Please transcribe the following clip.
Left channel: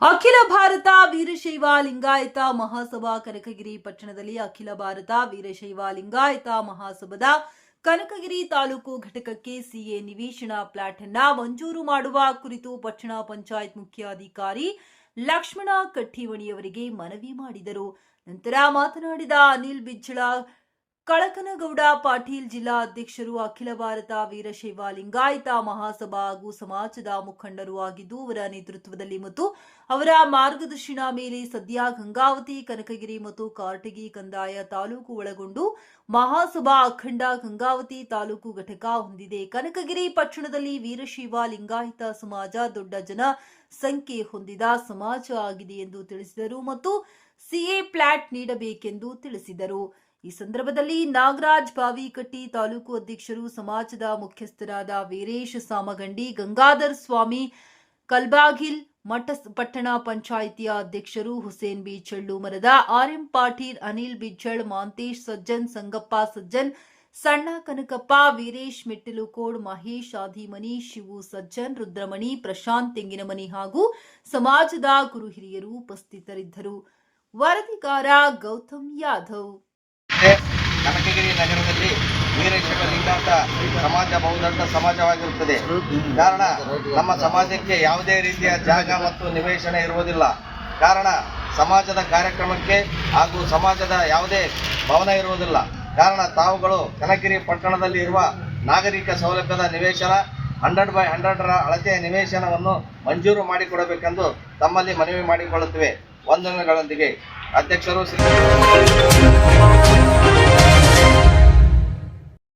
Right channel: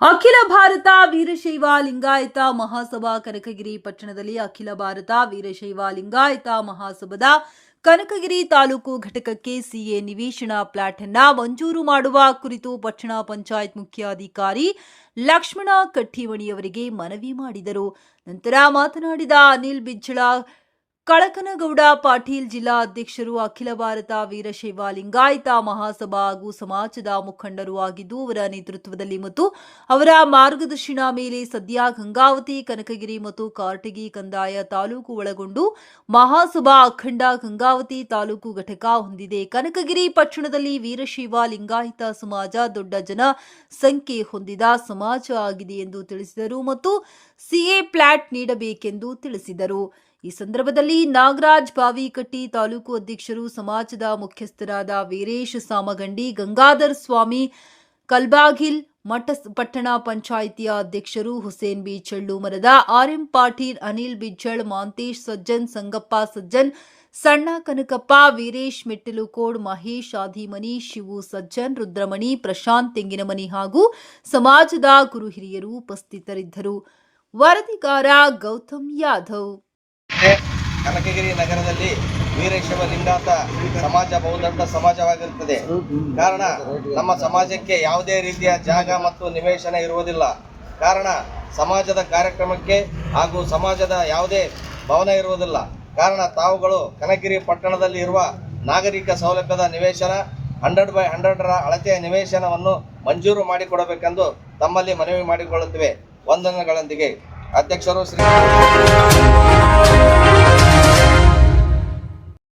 ಭಾರತ ವೀರಶೈವ ಲಿಂಗಾಯತ ಮಹಾಸಭಾ ಕನಕಗಿರಿ ಪಟ್ಟಣದಲ್ಲಿ ಅಖಿಲ ಭಾರತ ವೀರಶೈವ ಲಿಂಗಾಯತ ಮಹಾಸಭಾದ ಕನಕಗಿರಿ ತಾಲೂಕು ಘಟಕಕ್ಕೆ ಸಿಎ ನಿವೇಶನ ಪ್ಲಾಟ್ ಅನ್ನ ಮಂಜೂರು ಮಾಡುವ ಕುರಿತು ಪಟ್ಟಣ ಪಂಚಾಯತ್ ಮುಖ್ಯಾಧಿಕಾರಿ ಲಕ್ಷ್ಮಣ ಕಟ್ಟಿವಣಿಯವರಿಗೆ ಮನವಿ ಮಾಡಿದರು. ನಂತರ ಮಾತನಾಡಿದ ಅನಿಲ್ ಬಿಜ್ಜಳ ಕಳಕನಗೌಡ ಪಾಟೀಲ್ ಜಿಲ್ಲಾ ಅಧ್ಯಕ್ಷರು ಅಖಿಲ ಭಾರತ ವೀರಶೈವ ಲಿಂಗಾಯತ ಮಹಾಸಭಾ ಹಾಗೂ ಸಮಾಜದ ಮುಖಂಡರು ಆಗಿದ್ದು, ಅವರ ನೇತೃತ್ವದಲ್ಲಿ ಮತ್ತು ಅವರ ಮಾರ್ಗದರ್ಶನ ಮೇಲೆ ಸದ್ಯ ಗಂಗಾವತಿ, ಕನಕಗಿರಿ ಮತ್ತು ಕಾರಟಗಿ ಕಂದಾಯ ತಾಲೂಕು ಒಳಗೊಂಡು ಮಹಾಸಭಾ ಅಖಂಡ ಗಂಗಾವತಿ ತಾಲೂಕು ಘಟಕ ಹೊಂದಿದೆ. ಕನಕಗಿರಿ ಪಟ್ಟಣದಲ್ಲಿ ವೀರಶೈವ ಲಿಂಗಾಯತ ಸಮಾಜ ದೊಡ್ಡ ಜನ ಸಂಖ್ಯೆ ಹೊಂದಿದ ಸಮಾಜ ಆಗಿದೆ ಎಂದು ತಿಳಿಸಿದರು ಮತ್ತು ಸಿಎ ಪ್ಲಾಟ್ ನೀಡಬೇಕೆಂದು ತಿಳಿಸಿದರು. ಈ ಸಂದರ್ಭದಲ್ಲಿ ನಾಗರಾಜ್ ಬಾವಿಕಟ್ಟಿ ತಾಲೂಕು ಅಧ್ಯಕ್ಷರು, ಸಮಾಜದ ಮುಖ್ಯಸ್ಥರಾದ ವೀರೇಶ್ ಸಾಮಗಂಡಿ, ಗಂಗಾಧರ್ ಸ್ವಾಮಿ, ಕಲ್ಬಾಗಿಲ್ ಮಠ ಪಟ್ಟಣ ಪಂಚಾಯಿತಿಯ ಅಧ್ಯಕ್ಷರು ಹುಸೇನ್ ಬಿ ಚಳ್ಳು ಮರದ ಆರ್ಎಂ ಪಾಟೀಲ್, ಅನಿಲ್ ಬಿಜ್ಜಳ್, ಮಾಂತೇಶ್ ಸಜ್ಜನ್, ಸಂಗಪ್ಪ ಸಜ್ಜನ್, ಸಣ್ಣ ಕನಕಪ್ಪ, ವೀರೇಶ್ ಮೆಟ್ಟಿಲುಕೋಡ್, ಮಹೇಶ್ ಆದಿಮನಿ, ಶಿವು ಸಜ್ಜನ್, ರುದ್ರಮಣಿ, ಪ್ರಶಾಂತ್ ತೆಂಗಿನಮನಿ ಹಾಗೂ ಸಮಾಜದ ಗುರು ಹಿರಿಯರು ಉಪಸ್ಥಿತರಿದ್ದರು. ವರದಿಗಾರ ಗೌತಮ್ ಯಾದವ್ ಇದೆ. ಕನಕಗಿರಿ ನಗರದಲ್ಲಿ ವೀರಶೈವ ಲಿಂಗಾತ ಸಮಾಜ ಬಹುದೊಡ್ಡ ಸಮಾಜವಾಗಿರುತ್ತದೆ. ಕಾರಣ ನಮ್ಮ ಸಮಾಜಕ್ಕೆ ಯಾವುದೇ ರೀತಿಯ ಜಾಗ ಮತ್ತು ನಿವೇಶನ ಇರುವುದಿಲ್ಲ. ಕಾರಣ ಸಮಾಜದ ಕಾರ್ಯಕ್ರಮಕ್ಕೆ ಹಾಗೂ ಸಮಾಜದ ಯಾವುದೇ ಭವನ ಇರುವುದಿಲ್ಲ. ಕಾರಣ ತಾವುಗಳು ಕನಕಗಿರಿ ಪಟ್ಟಣದಲ್ಲಿ ಇರುವ ನಾಗರಿಕ ಸೌಲಭ್ಯದ ನಿವೇಶನ, ಹಂಡ್ರೆಡ್ ಬೈ ಹಂಡ್ರೆಡ್ರ ಅಳತೆಯ ನಿವೇಶನವನ್ನು ಮಂಜೂರು ಮಾಡಿಕೊಡಬೇಕೆಂದು ತಮ್ಮಲ್ಲಿ ಮನವಿ ಮಾಡಿಕೊಳ್ಳುತ್ತಿವೆ. ವಂದನೆಗಳೊಂದಿಗೆ. ಅಧ್ಯಕ್ಷರು ಶ್ರೀ